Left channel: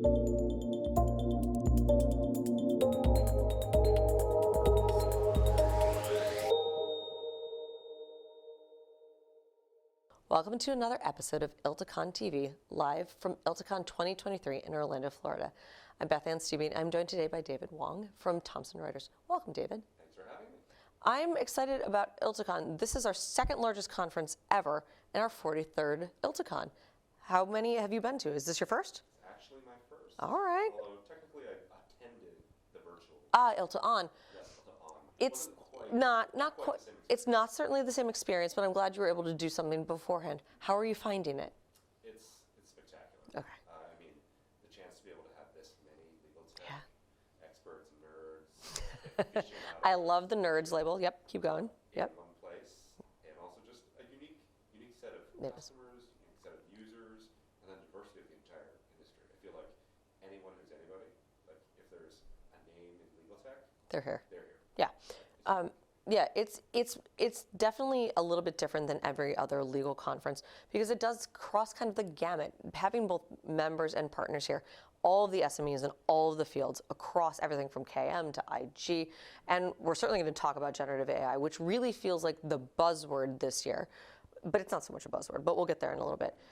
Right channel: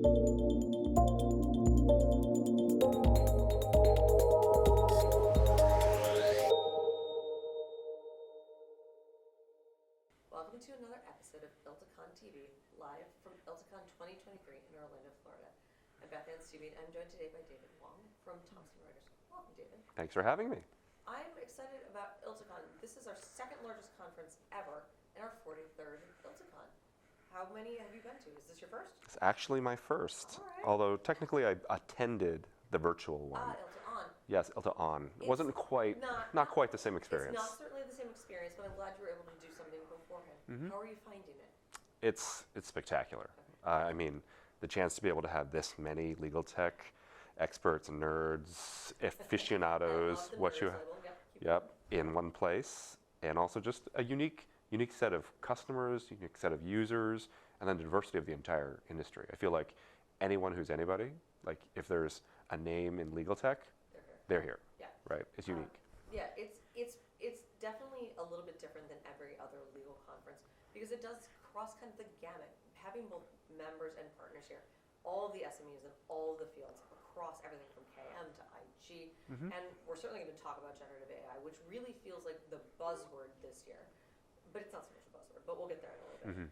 Welcome to another episode of ILTACON TV, live from ILTACON 2023 in Orlando, Florida. I'm Beth Ann Stubing. I'm joined today by David Wong from Thomson Reuters. Welcome, David. Thanks for having me. I'm excited about ILTACON. This is our second largest conference ever and our 43rd ILTACON. How many have you been to? Is this your first? It's actually my first. All right. Although technically I attended the virtual one. ILTACON. Yes, ILTACON. It wasn't quite not quite the same experience. It's not certainly the same experience, but I'm glad you were able to do something beforehand. Mm-hmm. How are you finding it? It's spectacular. Okay. I mean, the chance to be able to have this many legal tech experts, nerds, aficionados. I love the nerds label. Yep, keep going. In one place, and also just a unique set of customers, unique set of users, and then the diversity of the entire industry. I feel like anyone who's anybody, like if there's a name in legal tech, they're here. They're here. Yeah. Right. It's unique. Yeah, it's definitely a little bit different than every other legal conference because it does cross kind of the gamut, having both members and partners here, all of the SMEs in all of the fields across everything from KM to IG. Mm-hmm. And we're certainly going to talk about generative AI, which really feels like the buzzword this year, but it's not so much a buzzword, but we'll get there in a little bit. Mm-hmm.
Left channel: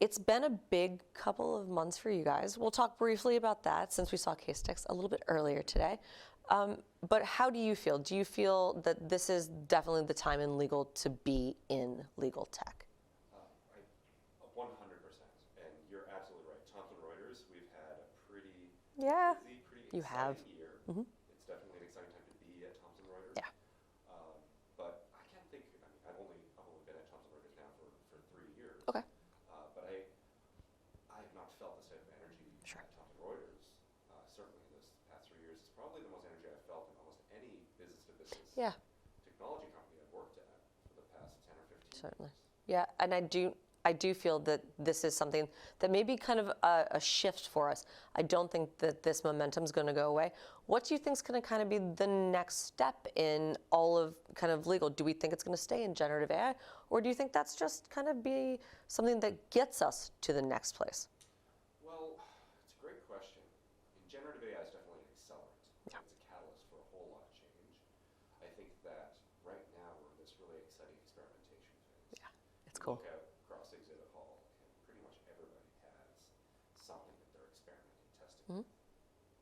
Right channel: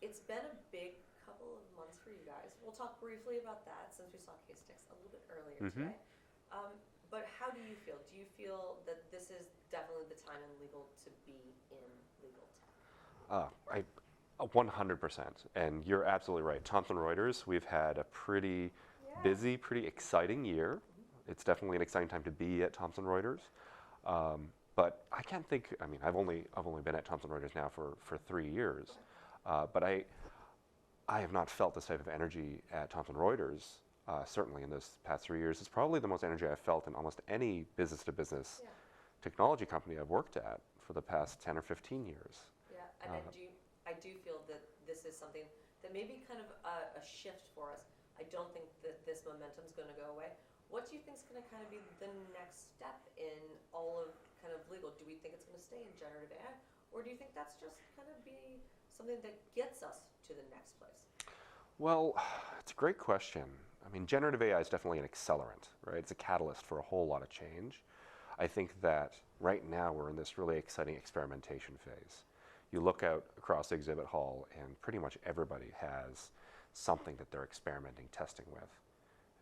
It's been a big couple of months for you guys. We'll talk briefly about that since we saw case sticks a little bit earlier today. But how do you feel? Do you feel that this is definitely the time in legal to be in legal tech? 100%. And you're absolutely right. Thomson Reuters, we've had a pretty busy, pretty exciting year. Mm-hmm. It's definitely an exciting time to be at Thomson Reuters. Yeah. But I can't think, I mean, I've only been at Thomson Reuters now for 3 years. Okay. But I have not felt this type of energy at Thomson Reuters, certainly in this past 3 years. It's probably the most energy I've felt in almost any business-to-business technology company I've worked at for the past 10 or 15 years. Yeah, and I do feel that this is something that may be kind of a shift for us. I don't think that this momentum is going to go away. What do you think is going to kind of be the next step in all of kind of legal? Do we think it's going to stay in generative AI, or do you think that's just kind of be something that gets us to the next place? Well, it's a great question. I mean, generative AI is definitely an accelerant, right? It's a catalyst for a whole lot of change. I think that right now we're in this really exciting experimentation phase. Yeah. You look out across the exhibit hall, and pretty much everybody has something that they're experimenting, testing with.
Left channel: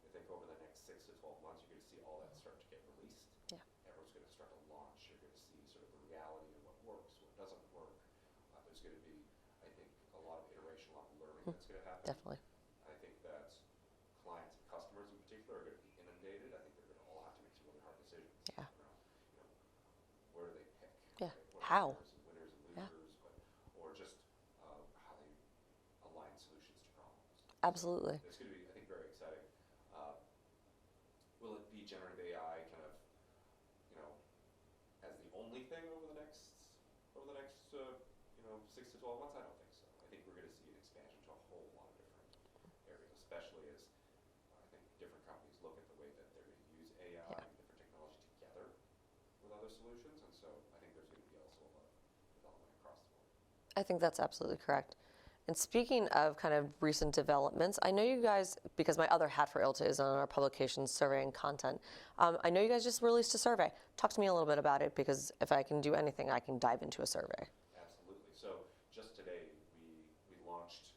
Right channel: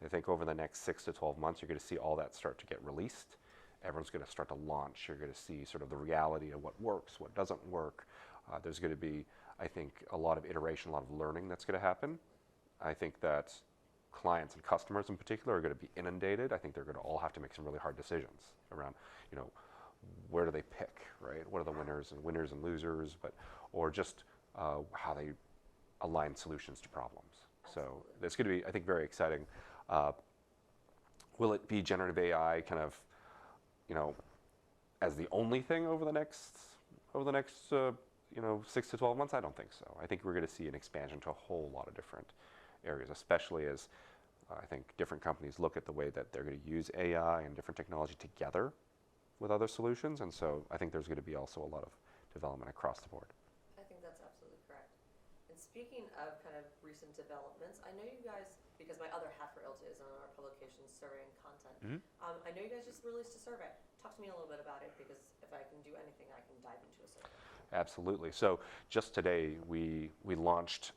I think over the next 6 to 12 months, you're going to see all that start to get released. Yeah. Everyone's going to start to launch. You're going to see sort of the reality of what works, what doesn't work. There's going to be, I think, a lot of iteration, a lot of learning that's going to happen. Definitely. I think that clients and customers in particular are going to be inundated. I think they're going to all have to make some really hard decisions around, where do they pick, right? What are the winners and losers, or just how they align solutions to problems. Absolutely. So it's going to be, I think, very exciting. Will it be generative AI kind of, as the only thing over the next 6 to 12 months? I don't think so. I think we're going to see an expansion to a whole lot of different areas, especially as I think different companies look at the way that they're going to use AI and different technology together with other solutions. And so I think there's going to be also a lot of development across the board. I think that's absolutely correct. And speaking of kind of recent developments, I know you guys, because my other hat for ILTA is on our publications, survey and content, I know you guys just released a survey. Talk to me a little bit about it, because if I can do anything, I can dive into a survey. Absolutely. So just today, we announced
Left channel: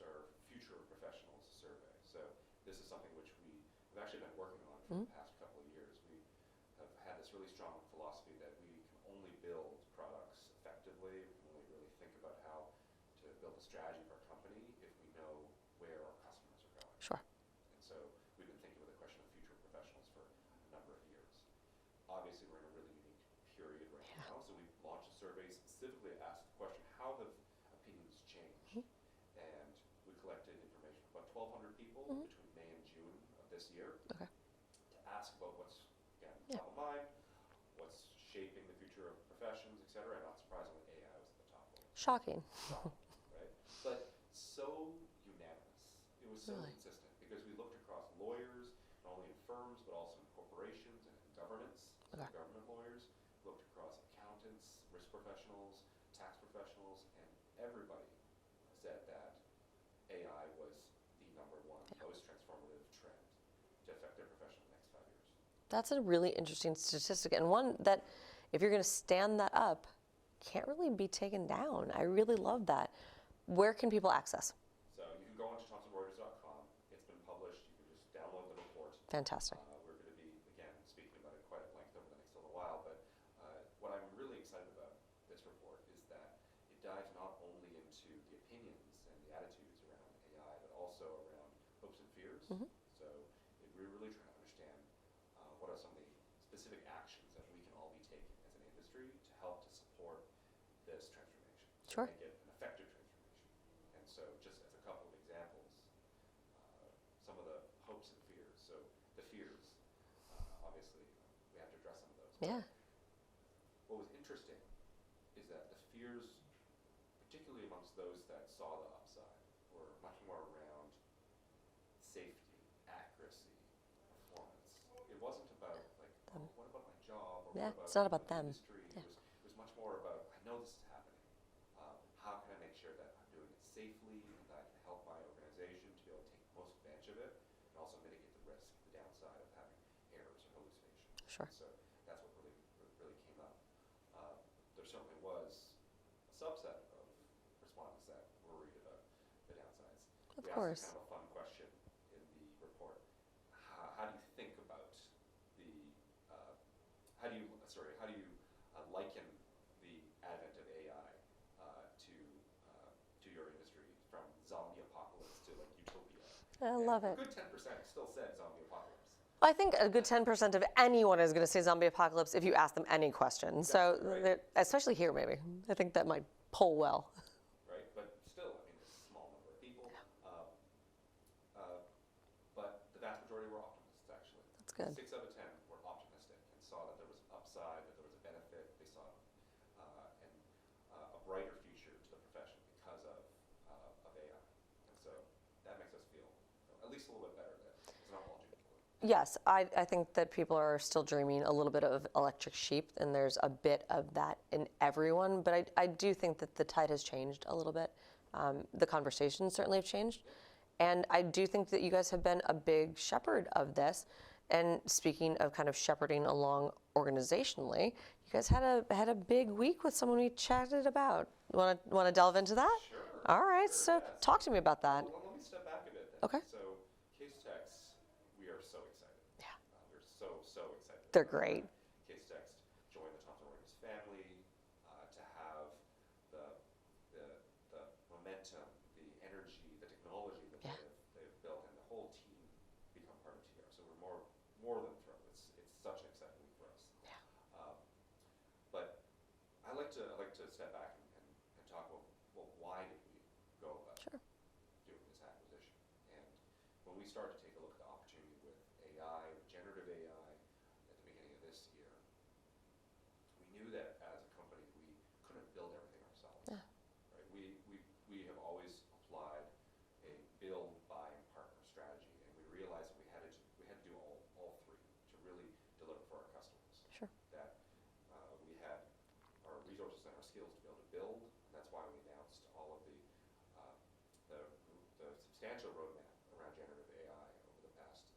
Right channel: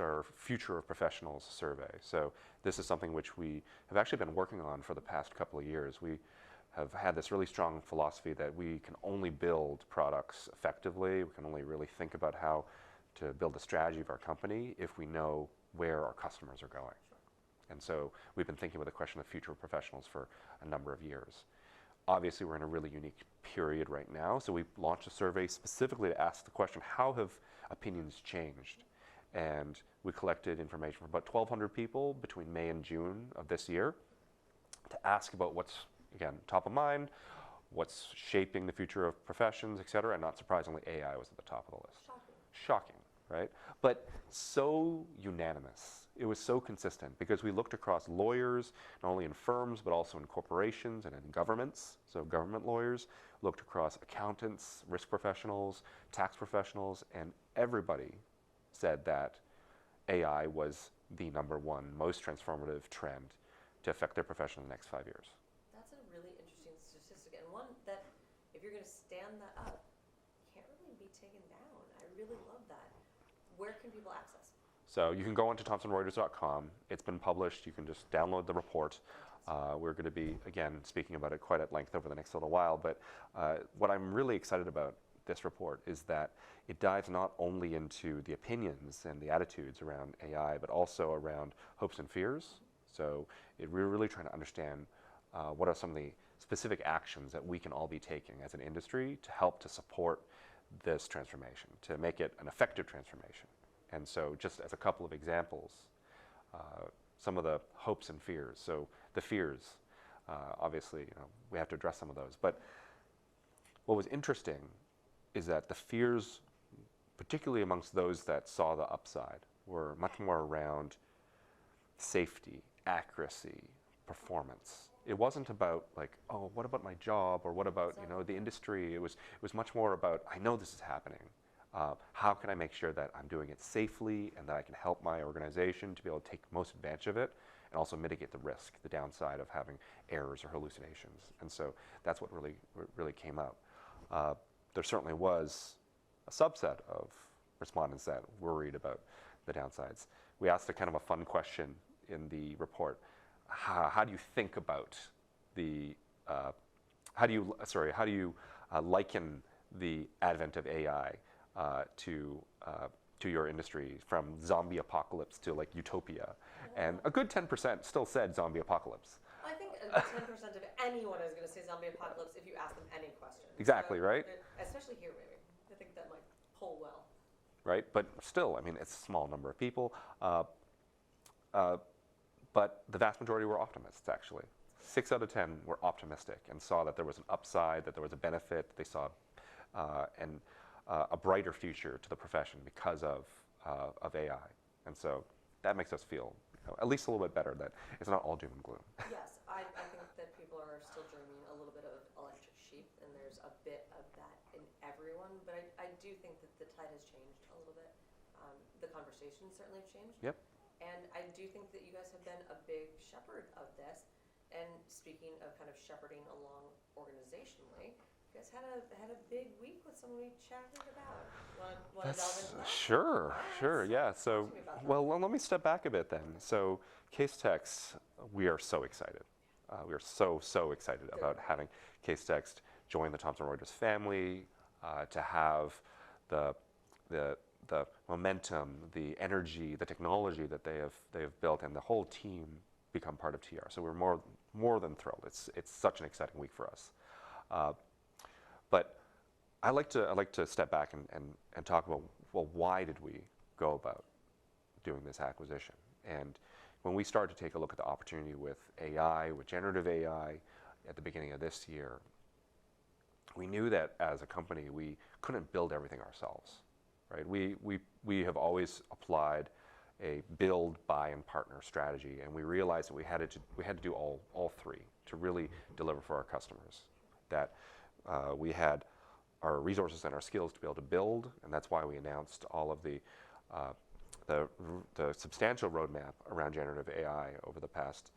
our Future of Professionals survey. So this is something which we have actually been working on for the past couple of years. We have had this really strong philosophy that we can only build products effectively. We can only really think about how to build the strategy of our company if we know where our customers are going. Sure. And so we've been thinking with the question of future professionals for a number of years. Obviously, we're in a really unique period right now, so we launched a survey specifically to ask the question, how have opinions changed? And we collected information from about 1,200 people between May and June of this year to ask about what's, again, top of mind, what's shaping the future of professions, et cetera, and not surprisingly, AI was at the top of the list. Shocking. Shocking, right? But so unanimous. It was so consistent because we looked across lawyers, not only in firms, but also in corporations and in governments, so government lawyers, looked across accountants, risk professionals, tax professionals, and everybody said that AI was the number one most transformative trend to affect their profession in the next 5 years. That's a really interesting statistic, and one that, if you're going to stand that up, can't really be taken down. I really love that. Where can people access? So you can go onto thomsonreuters.com. It's been published. You can just download the report. Fantastic. We're going to be, again, speaking about it quite at length over the next little while. But what I'm really excited about this report is that it dives not only into the opinions and the attitudes around AI, but also around hopes and fears. So we're really trying to understand what are some of the specific actions that we can all be taking as an industry to help to support this transformation, to make it an effective transformation. And so just as a couple of examples, some of the hopes and fears. So the fears, obviously, we have to address some of those. But what was interesting is that the fears, particularly amongst those that saw the upside, were much more around safety, accuracy, performance. It wasn't about like, oh, what about my job, or what about, the industry? It was much more about, I know this is happening. How can I make sure that I'm doing it safely and that I can help my organization to be able to take most advantage of it and also mitigate the risk, the downside of having errors or hallucinations. And so that's what really came out. There certainly was a subset of respondents that worried about the downsides. We asked a kind of a fun question in the report. How do you think about the, how do you liken the advent of AI to your industry, from zombie apocalypse to like utopia? And a good 10% still said zombie apocalypse. I think a good 10% of anyone is going to say zombie apocalypse if you ask them any question. Exactly, so right? Especially here, maybe. I think that might poll well. Right, but still, I mean, it's a small number of people. But the vast majority were optimists, actually. That's good. 6 out of 10 were optimistic and saw that there was an upside, that there was a benefit. They saw a brighter future to the profession because of AI. And so that makes us feel at least a little bit better that it's not all doom and gloom. Yes, I think that people are still dreaming a little bit of electric sheep, and there's a bit of that in everyone. But I do think that the tide has changed a little bit. The conversations certainly have changed. Yep. And I do think that you guys have been a big shepherd of this. And speaking of kind of shepherding along organizationally, you guys had a big week with someone we chatted about. Want to delve into that? Sure. All right. Sure, So yeah. talk to me about that. Well, let me step back a bit then. Okay. So Casetext, we are so excited. Yeah. We are so excited They're about great. having Casetext join the Thomson Reuters family, to have the momentum, the energy, the technology that they have built, and the whole team become part of TR. So we're more than thrilled. It's such an exciting week for us. But I like to step back and talk about, well, why did we go about doing this acquisition? And when we started to take a look at the opportunity with AI, with generative AI, at the beginning of this year, we knew that as a company we couldn't build everything ourselves. Right? We have always applied a build, buy, and partner strategy, and we realized that we had to do all three to really deliver for our customers. Sure. That we had our resources and our skills to be able to build, and that's why we announced all of the substantial roadmap around generative AI over the past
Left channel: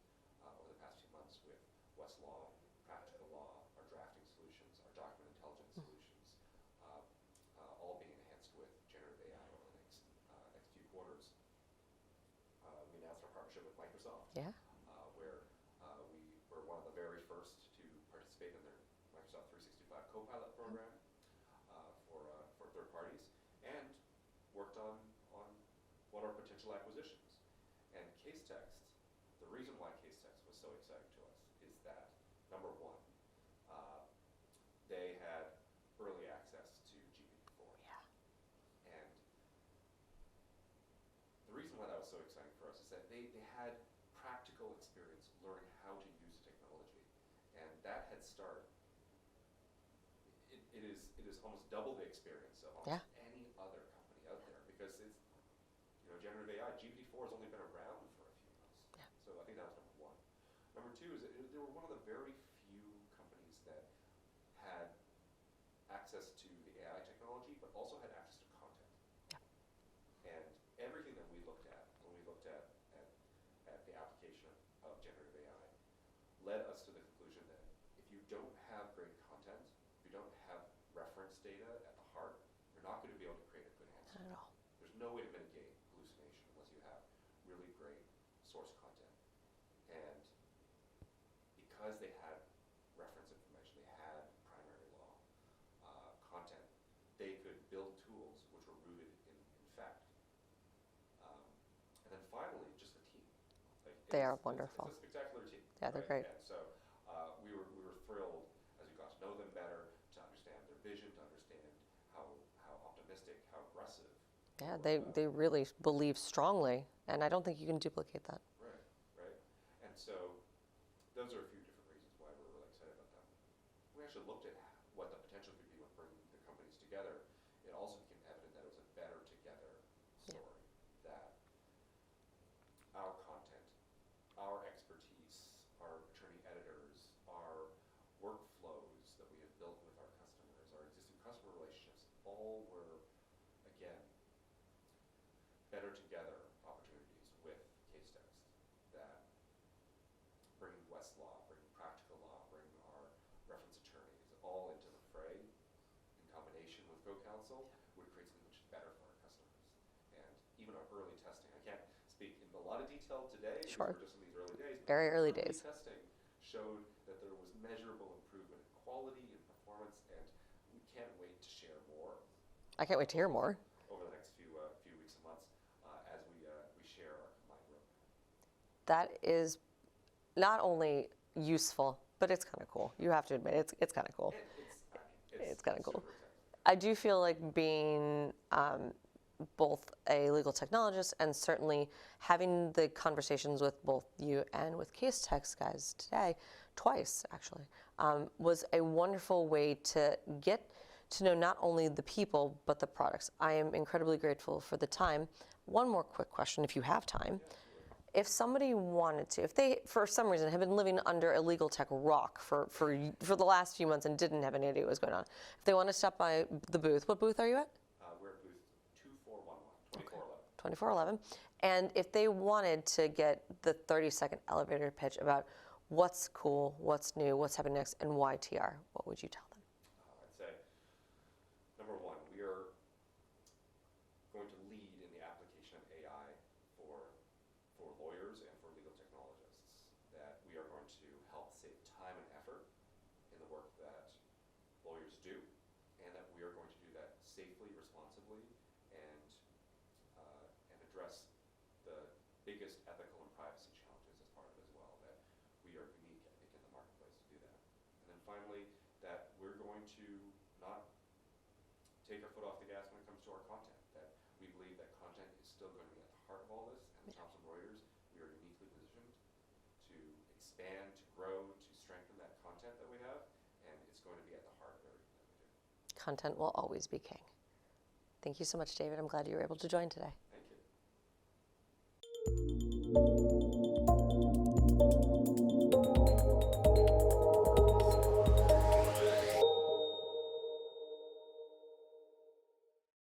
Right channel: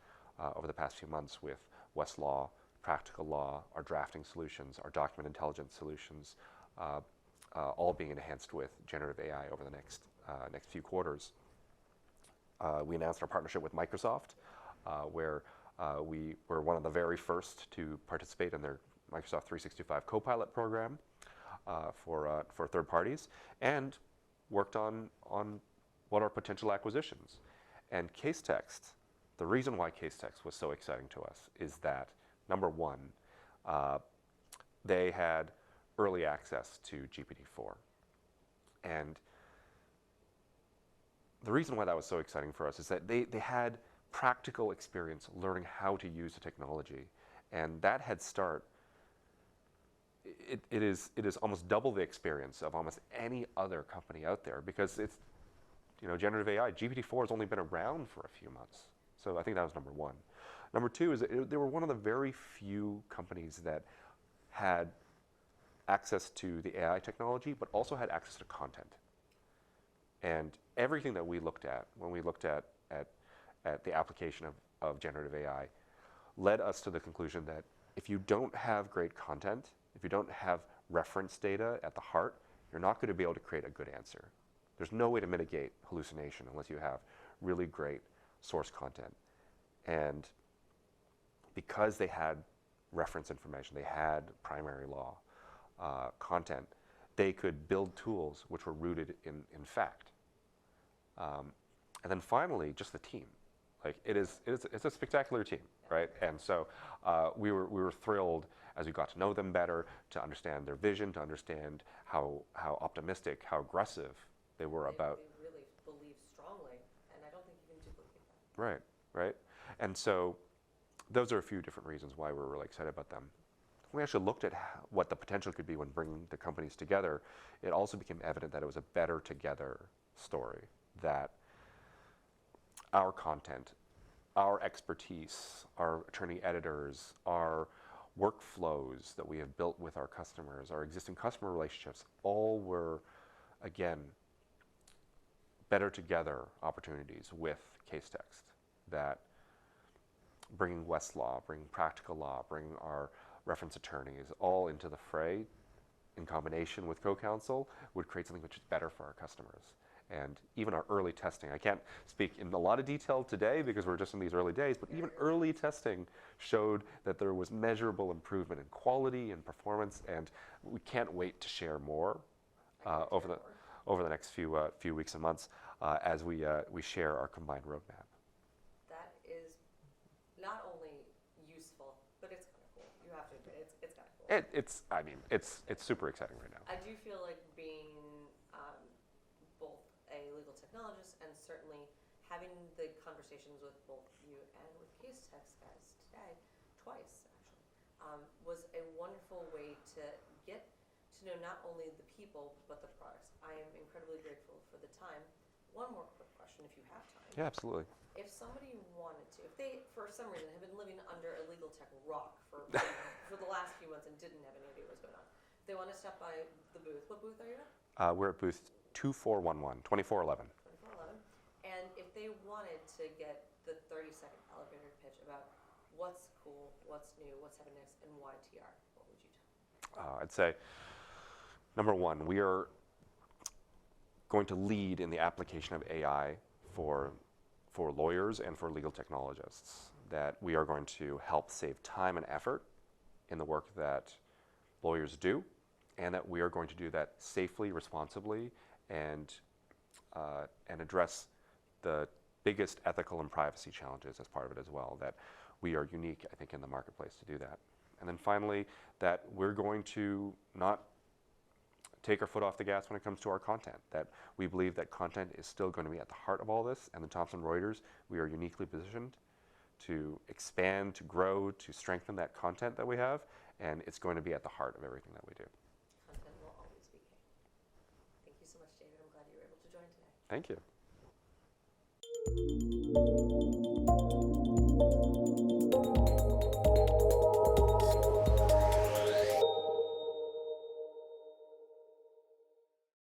few months with Westlaw, Practical Law, our drafting solutions, our document intelligence solutions, all being enhanced with generative AI over the next few quarters. We announced our partnership with Microsoft, where we were one of the very first to participate in their Microsoft 365 Copilot program for third parties, and worked on what are potential acquisitions. And Casetext, the reason why Casetext was so exciting to us is that, number one, they had early access to GPT-4. And the reason why that was so exciting for us is that they had practical experience learning how to use the technology. And that head start, it is almost double the experience of almost any other company out there, because it's, generative AI, GPT-4 has only been around for a few months. So I think that was number one. Number two is that they were one of the very few companies that had access to the AI technology, but also had access to content. And everything that we looked at when we looked at at the application of generative AI led us to the conclusion that if you don't have great content, if you don't have reference data at the heart, you're not going to be able to create a good answer. Not at all. There's no way to mitigate hallucination unless you have really great source content. And because they had reference information, they had primary law content, they could build tools which were rooted in fact. And then finally, just the team. Like it's a spectacular team, Yeah, right? they're great. And so we were thrilled as we got to know them better, to understand their vision, to understand how optimistic, how aggressive they were about. They really believe strongly, and I don't think you can duplicate that. Right, right. And so those are a few different reasons why we're really excited about them. We actually looked at what the potential could be when bringing the companies together. It also became evident that it was a better together story, that our content, our expertise, our attorney editors, our workflows that we have built with our customers, our existing customer relationships, all were, again, better together opportunities with case text, that bringing Westlaw, bringing practical law, bringing our reference attorneys all into the fray in combination with co-counsel would create something which is better for our customers. And even our early testing, I can't speak in a lot of detail today because we're just in these early days, but Very even early testing showed that there was measurable improvement in quality and performance, and we can't wait to share more. I can't wait to hear more. Over the next few weeks and months as we share our combined roadmap. That is not only useful, but it's kind of cool. You have to admit, it's kind of cool. It's kinda cool. super exciting right now. I do feel like being both a legal technologist and certainly having the conversations with both you and with case text guys today, twice actually, was a wonderful way to get to know not only the people, but the products. I am incredibly grateful for the time. One more quick question, if you have time. Yeah, absolutely. If somebody wanted to, if they, for some reason, have been living under a legal tech rock for the last few months and didn't have any idea what was going on, if they want to stop by the booth, what booth are you at? We're at booth 2411, 2411. 2411. And if they wanted to get the 30-second elevator pitch about what's cool, what's new, what's happening next, and why TR, what would you tell them? I'd say, number one, we are going to lead in the application of AI for lawyers and for legal technologists, that we are going to help save time and effort in the work that lawyers do, and that we are going to do that safely, responsibly, and address the biggest ethical and privacy challenges as part of it as well, that we are unique, I think, in the marketplace to do that. And then finally, that we're going to not take our foot off the gas when it comes to our content, that we believe that content is still going to be at the heart of all this, and the Thomson Reuters, we are uniquely positioned to expand, to grow, to strengthen that content that we have, and it's going to be at the heart of everything that we do. Content will always be king. Thank you so much, David. I'm glad you were able to join today. Thank you.